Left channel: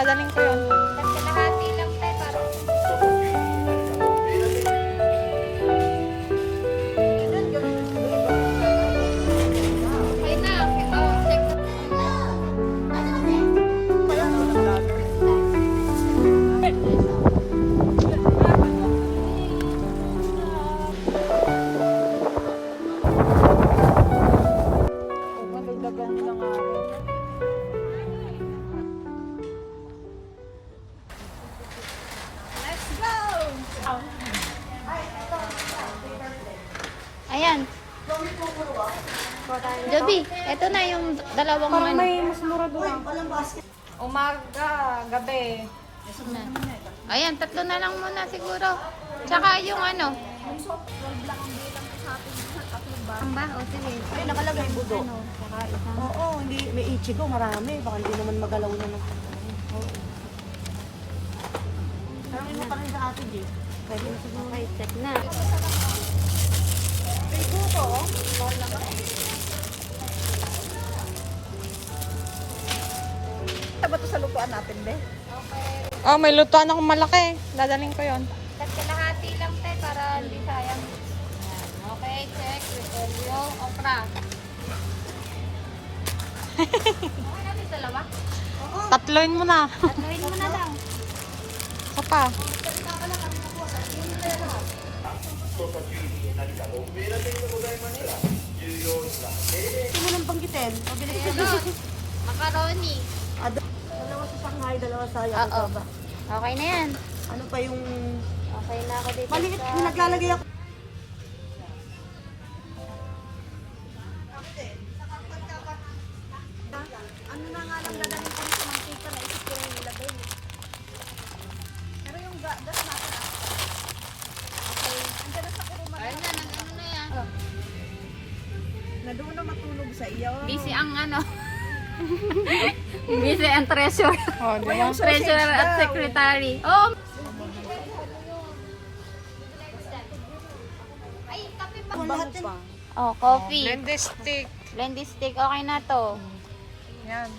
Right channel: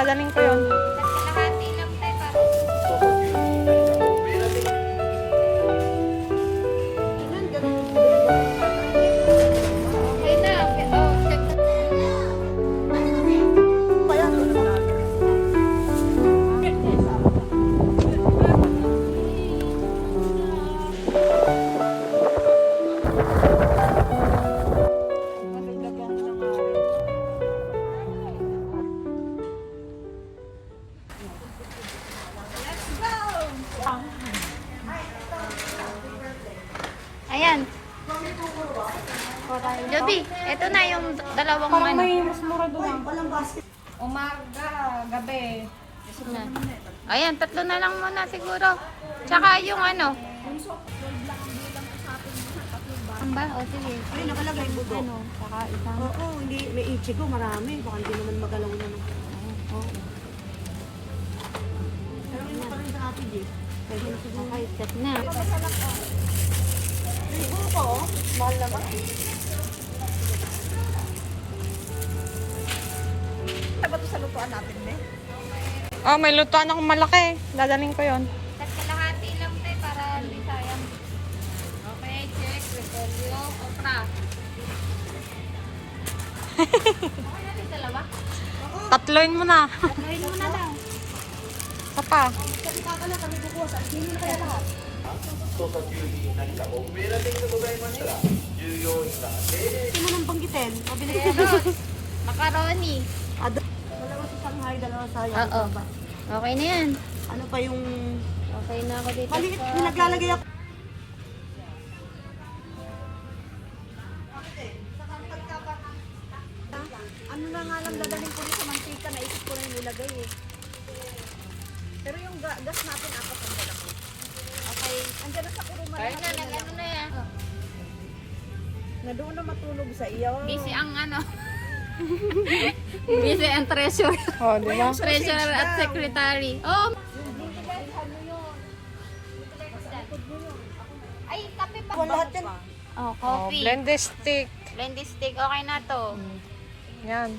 Dadaling ko yun. Kalahati lang tayo. Okay na. Oh, check na. Ayan. Joby, eto na yung dalawang ano. Umaga, gabi. Ayan, tatlo na lang muna siguro. Tsaka yung ano. Ang ba? O sige. Ay, nakalagay bugo. Ano, tsaka isang. Oo, hindi, may ichigo, marami. Baka hindi naman magalaw na. Oo. Pero mo pa rin sa atin, G. Pwede na siguro. Okay, set na. May buko, mahal naman. Taba to sa lutuan natin, be. Oh, may lutuan akong malaki. Dadaling ko yun. Kalahati lang tayo para hindi sayang. Okay, check. Repolyo, okra. Okay natin dalawa? Tatloin mo na. Tatloyin mo na daw. Isa pa. Hindi mo nang banggitin. Mabilis ka na. Macaroni. Dalawa sa Shanghai, dalawa sa Yakutaba. Okay na yan. Ano pa yung... Okay na ako dito. Maliit, naglalagay ako. Ano na nga lang nalamin ko sa mga kita na isip yung nilagay eh. Pero yung gas natin ako. Ang gano'n sa kuruma na Ano na yan? na doon na matulog sa iyo. Busy ang ano. Busy ang treasurer. Oh, di ba? Treasurer at secretary. Oh! Ay, kape pa. Oh, Oh, coffee. blended stick. Blended stick. Okay na to. Yan.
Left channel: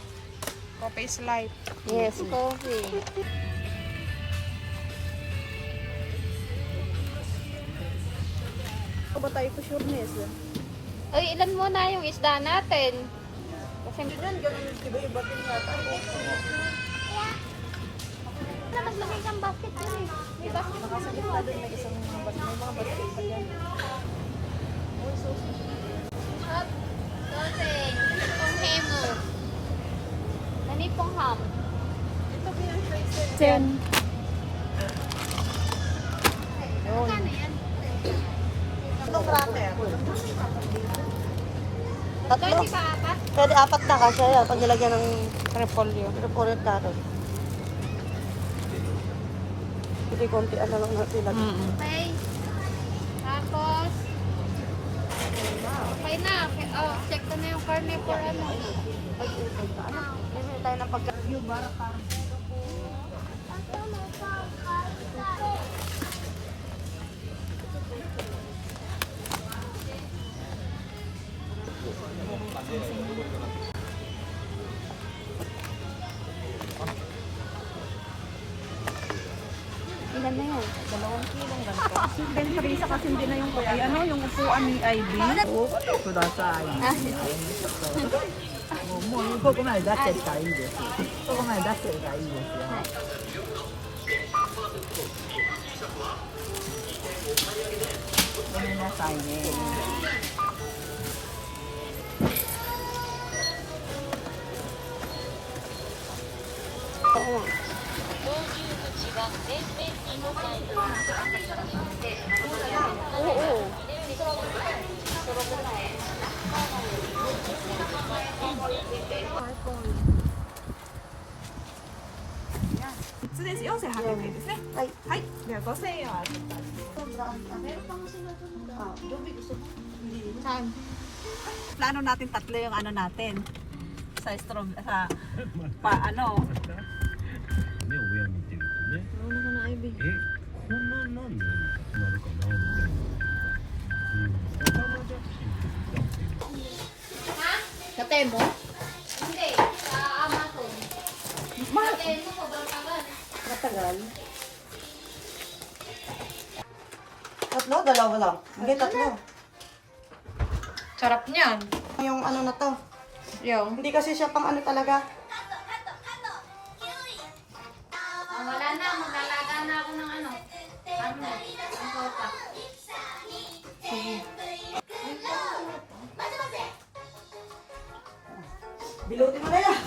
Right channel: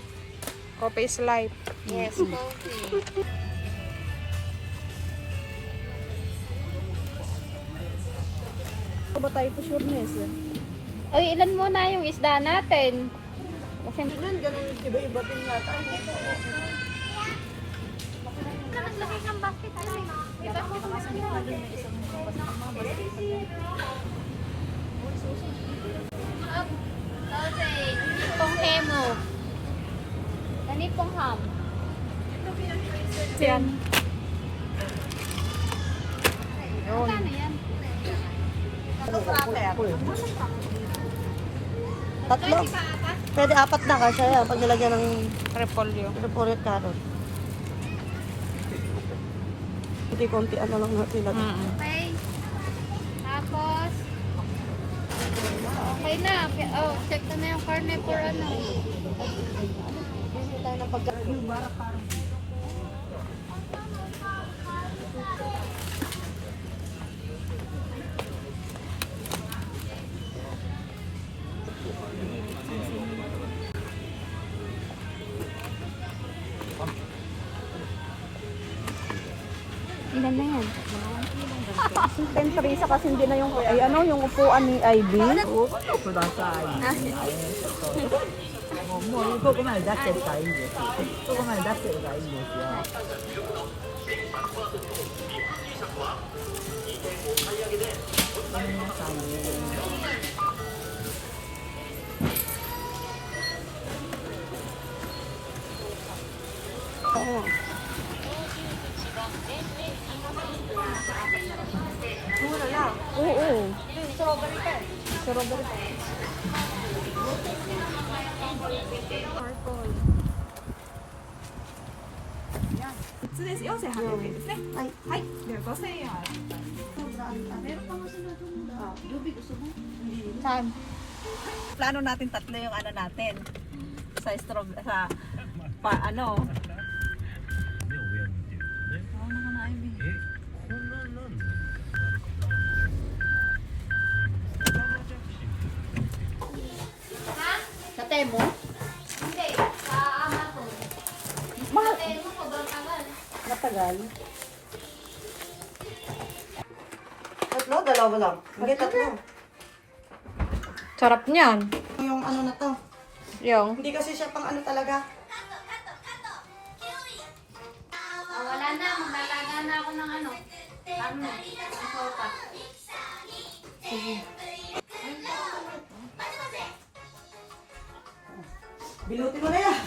Coffee is life. Yes, coffee. Ano ba tayo po sure niya is yan? Ay, ilan muna yung isda natin? Kasi Yan, ganun yung iba-iba din natin. naglagay ng basket na rin. Iba ko Hop, sausage, pong emo. Ganipong ham. Yan. Yun. Ano yan? Ano cracker? Tatlo? Pwede pa apat? Pwede apat na kasi yan. Pag nilagyan ng Repolyo. repolyo at carrot. Konti-konti ano lang nilagyan. Okay. Tapos, okay na. Oh, check ko na yung karne for ano. Bili tayo ng pagka-view bara parang. Ilan na yan? 2 kilong ganito. Ben Teresa kasi hindi na yung ay ano yung upuan ni Ivy. ください。もうここまで出してるからいいんです。ここまで出してるからいいんですよ。ごめんなさいね。失礼し4800円ですね。はい。はい。では5000円は。 Saan? Plano natin tatlo yung ano natin. Sa sa ano. ね、親見てるとね。Ano na Ivy? こんなんなんのなるかな。Sa Temo? Hindi, sa Amazon. Mahal. Sa Temo, tagal. Tatlo? Dalawa lang. Hindi, tatlo. Sarap niyan. Yung ano na to. Yung. Hindi kasi siya pang ano talaga. Wala na, maglalaga na ako ng ano. Karne, ng sopa. Bilutin mo na yan.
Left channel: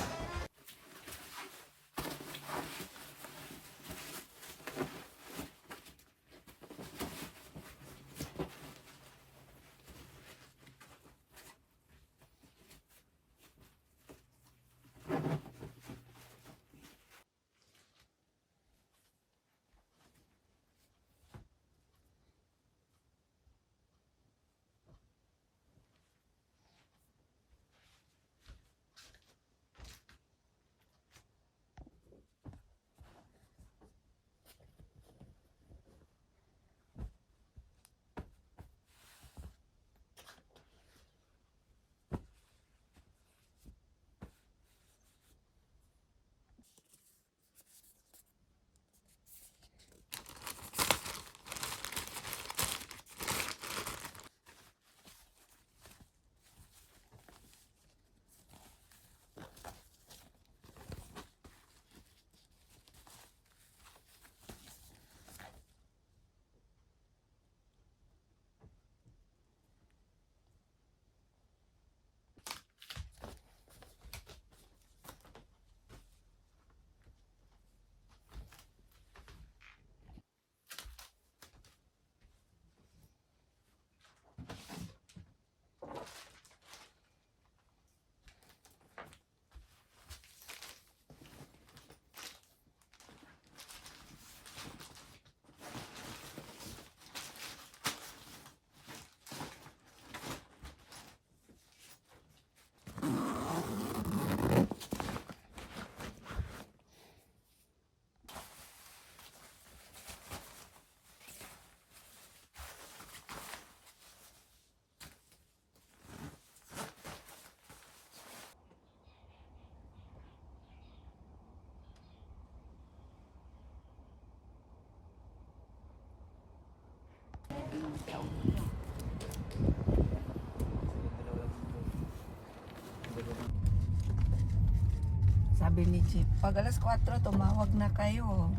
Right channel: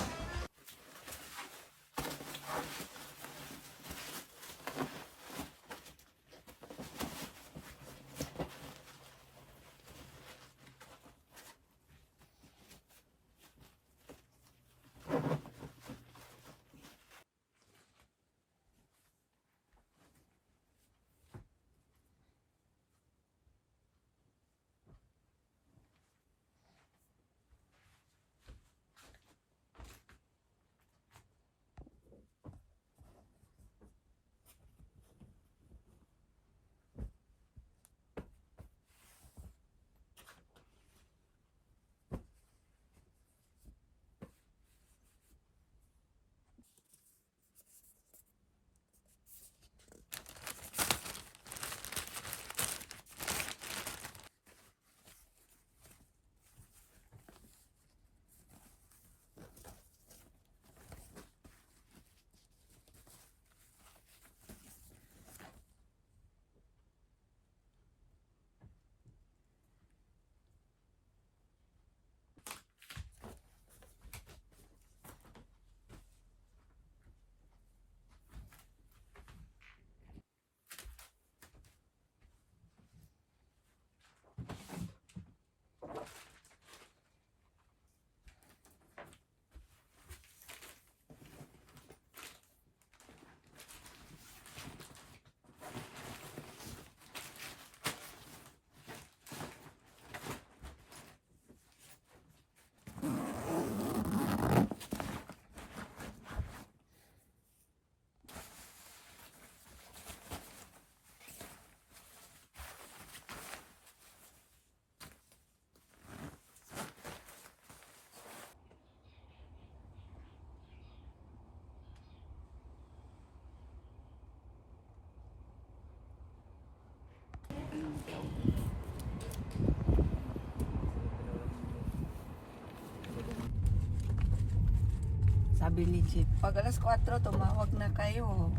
Sabi ni Chip, pag alas 4, tumawag na kayo.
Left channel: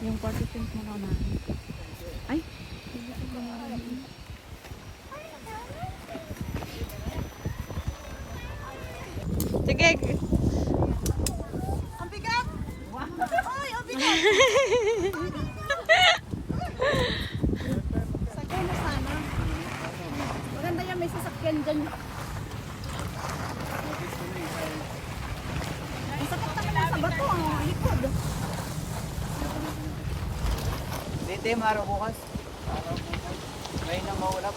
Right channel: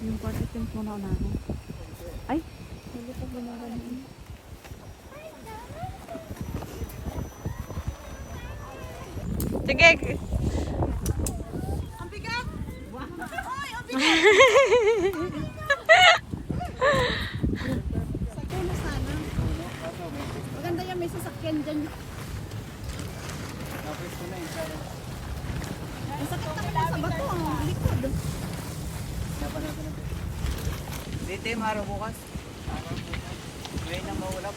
Yung party tent mo na namin. Ay, hindi ko gumawa. Sige. Ang bigat! Ay, ang bigat! Sakyan na sana. Ganda yan, may sasakyan dyan. Isa pa tayo sa bato, ang likod. Dito yung araw bukas. Ngayon na maulap.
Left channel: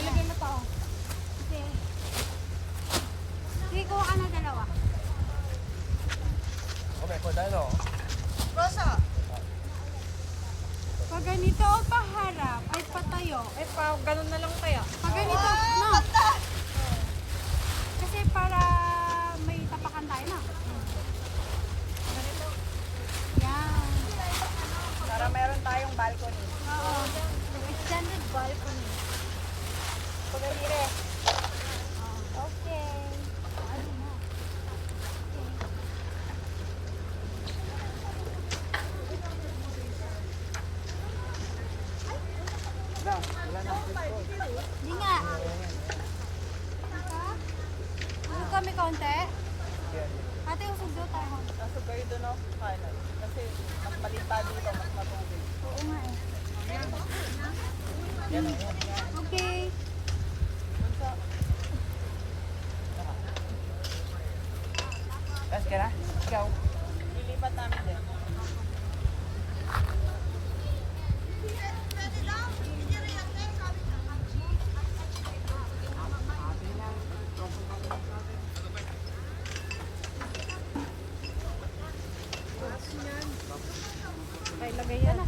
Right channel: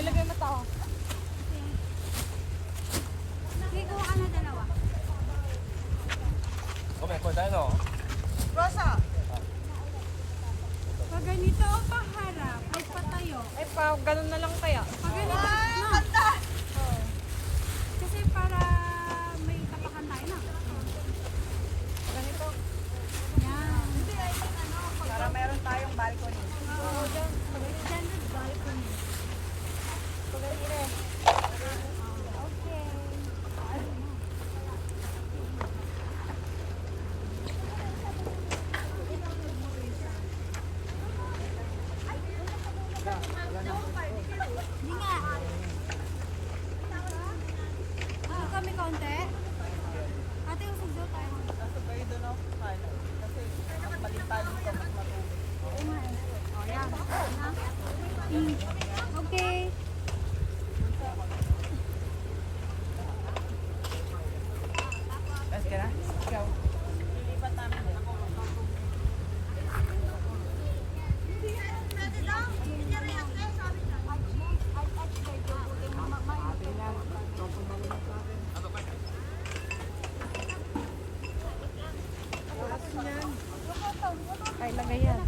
Ilagay mo to. Sige, kuha ka na dalawa. Pag ganito o paharap, ay patayo. Ay, ganun na lang kaya. Pag ganito, no? Oo. Kasi para may tapakan tayo, no? Ganito. Yan. Okay. Ay, lagay yan.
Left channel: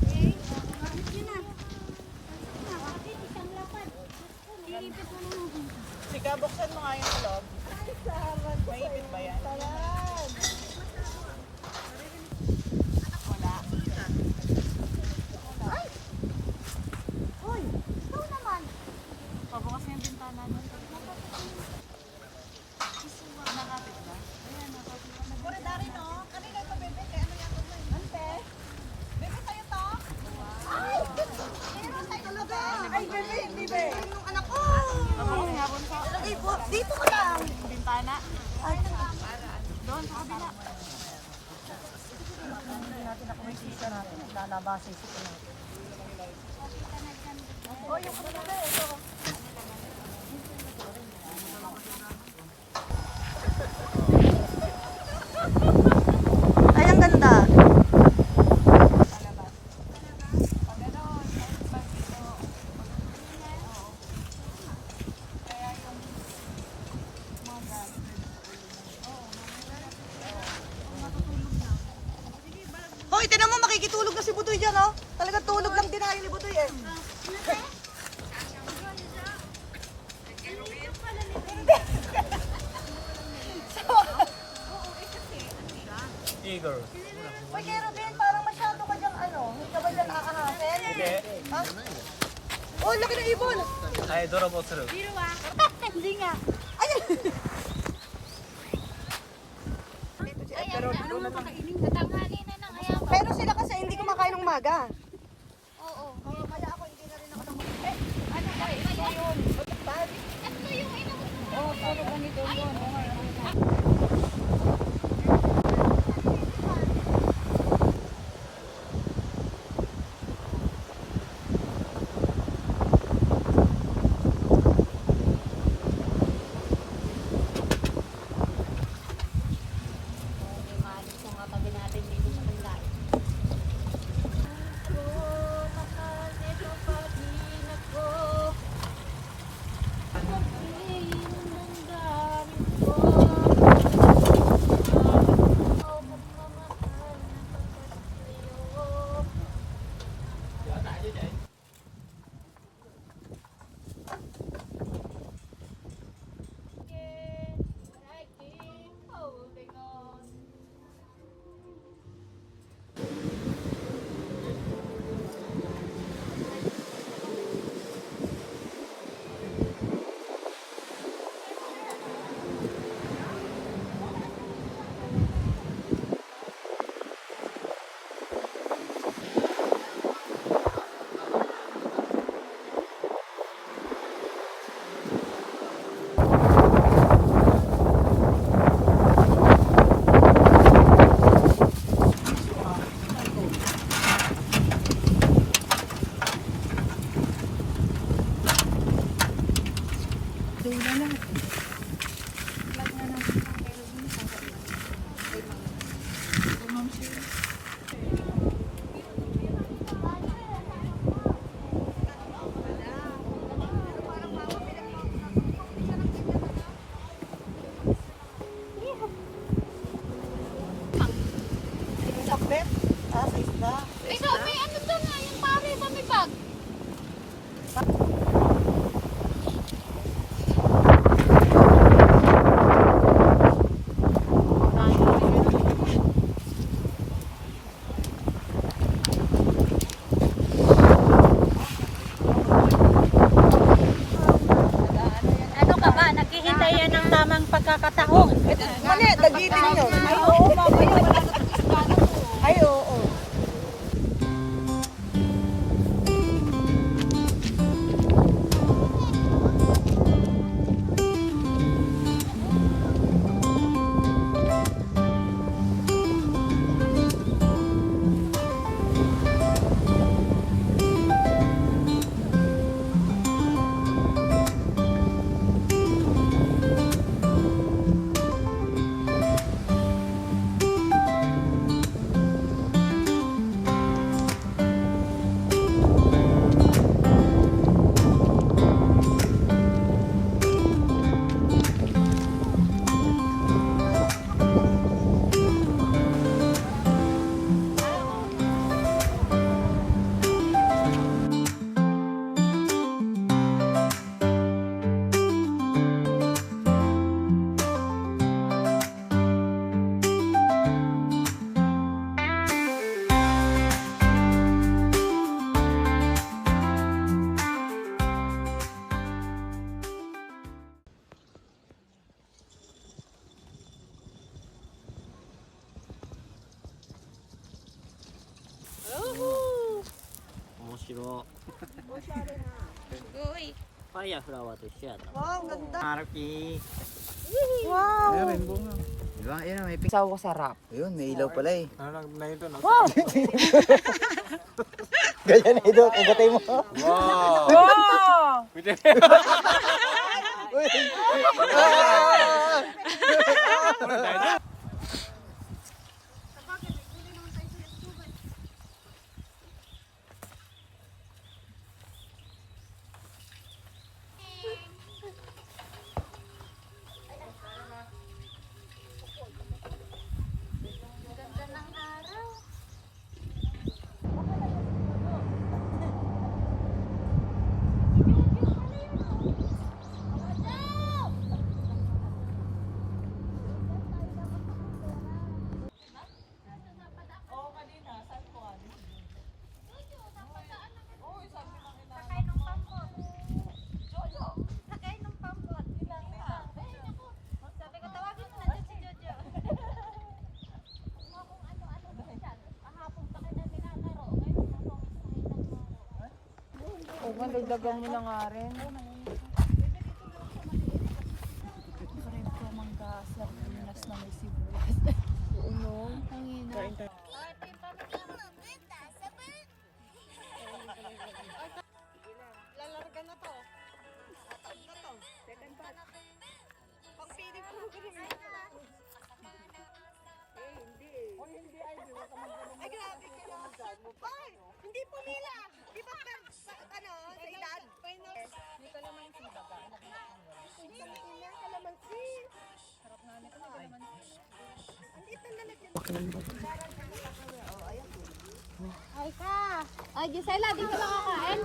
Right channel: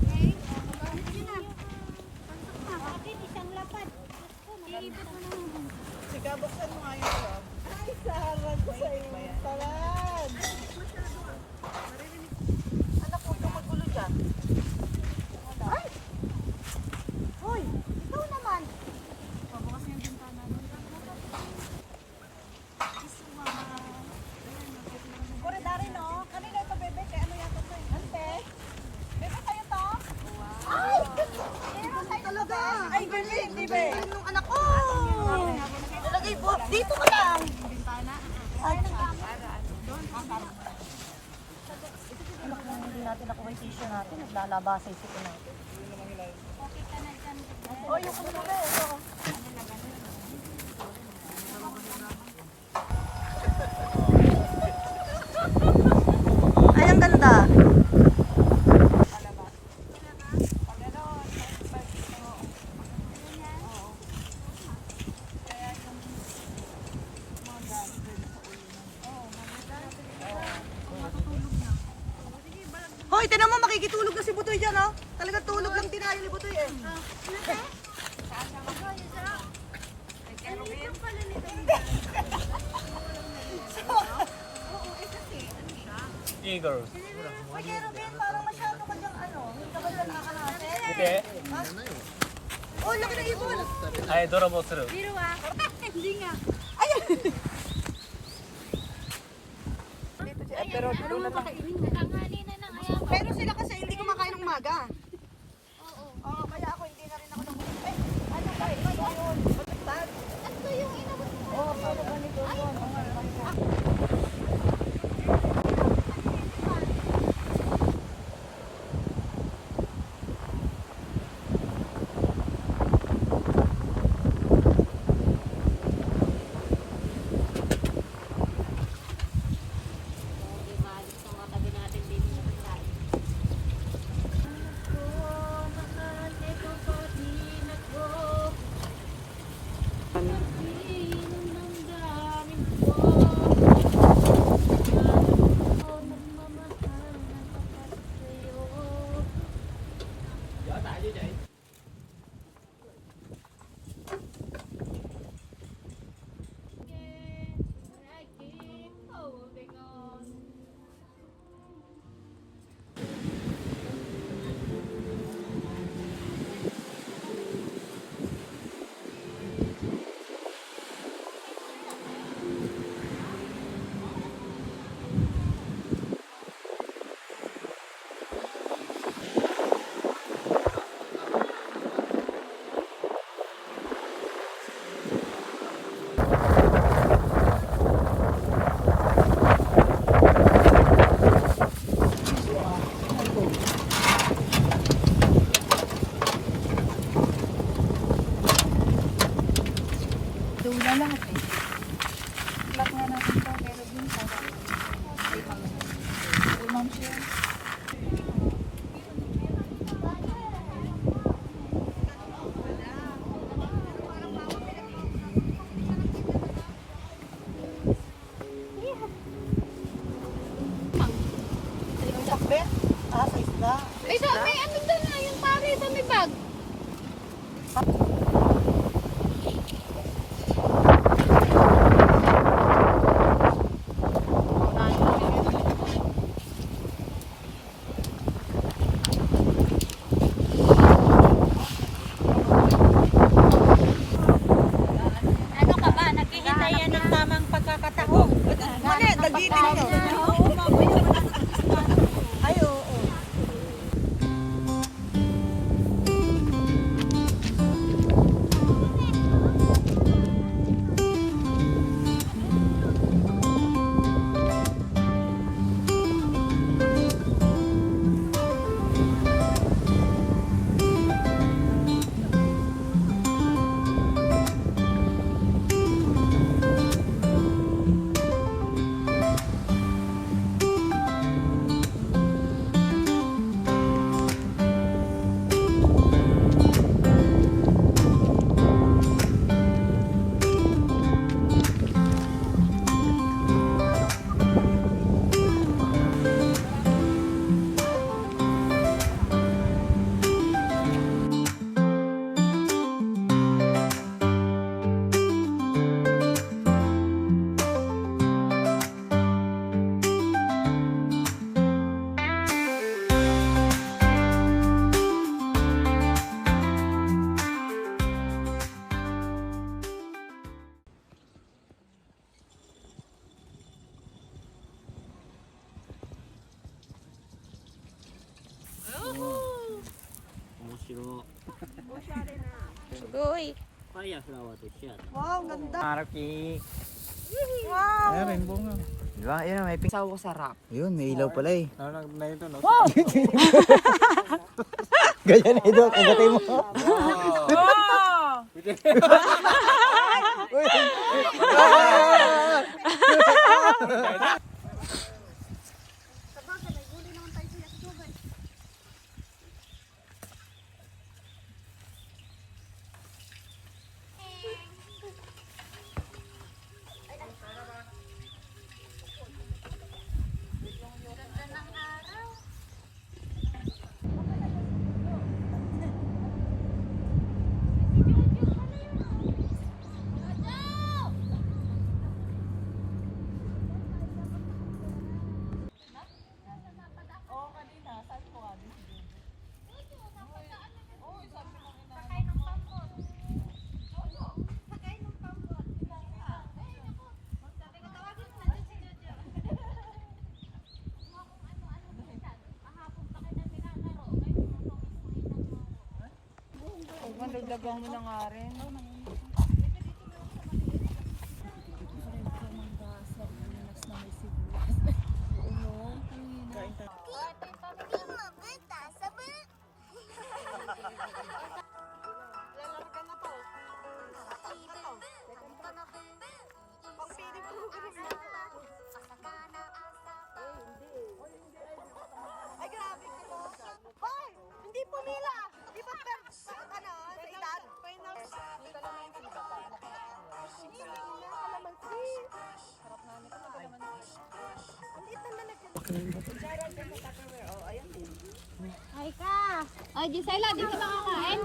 Okay, gamit nyo na. Pasok na. Iipit mo na natin. Sige, buksan mo nga yung kulog. Mainit ba yan? Anak ko, nakakulog ka. Wala. Uy, ito naman. Pabukas na yung bintana doon. Nakapit ba? Ayan, nakapit pa na. Talaga. Ay, galing. Di ba yung nung anak ko? Ilagay po. Dito ka lang. Bintana. Doon sa kabila. Hindi natin ako may sisya natin. Lalabasay sila natin. Ay, ang ganda. Hoy, tinan mo, makikitulog na si Butoy dyan, oh. Talaga tulog lang din ni Butoy, eh. Sige, Rubin, parang masyado ka dyan, ano. Hindi ka ba dyan nakakarasin? Oh, lagi na ibon. Biro ah. Hindi nga. Ano nga kakainin? Tanghali na ng ayaw. Pero sila kasi hindi kumakain ng umaga. Oo. Ano ba? Ito yun. Ito yung inabot mo. Oh, puro ganito yun. Ay, sabi, ano to na? Yung pare, may bag. Ano ka ba? Naghihintay yan ng tamang pagkakataon. Mali, dagitin nyo. Ay, oo. Shimo. Uy. Fire flower to share. Arapi. Wow. Diba? Ayun, may pingsaw ko sa rap. Yun, may ilaw pala eh. Ano na ito no? Ganyan na ito, kagatay mo. Sakay ng pambot. Sakay ng pambot. Sabi ko, tawagin mo na dyan si Jojo. Huwag mo dagdagan mo na nga rin. Friend ko mangga sardinas na may sibuyas. Oo, ang ina. Lalarga na to. Tatak na to. Second track. Pang feeding program yun. Ay, grabe sila. Hoy! Hindi pumila! Di ba sa edad? Dito naman si Baba. Ina, kalamansi. Harap na nito, nagalaman. Ang kita na lagyan. Ay ka. Ay, Gisela, di ka nakakain?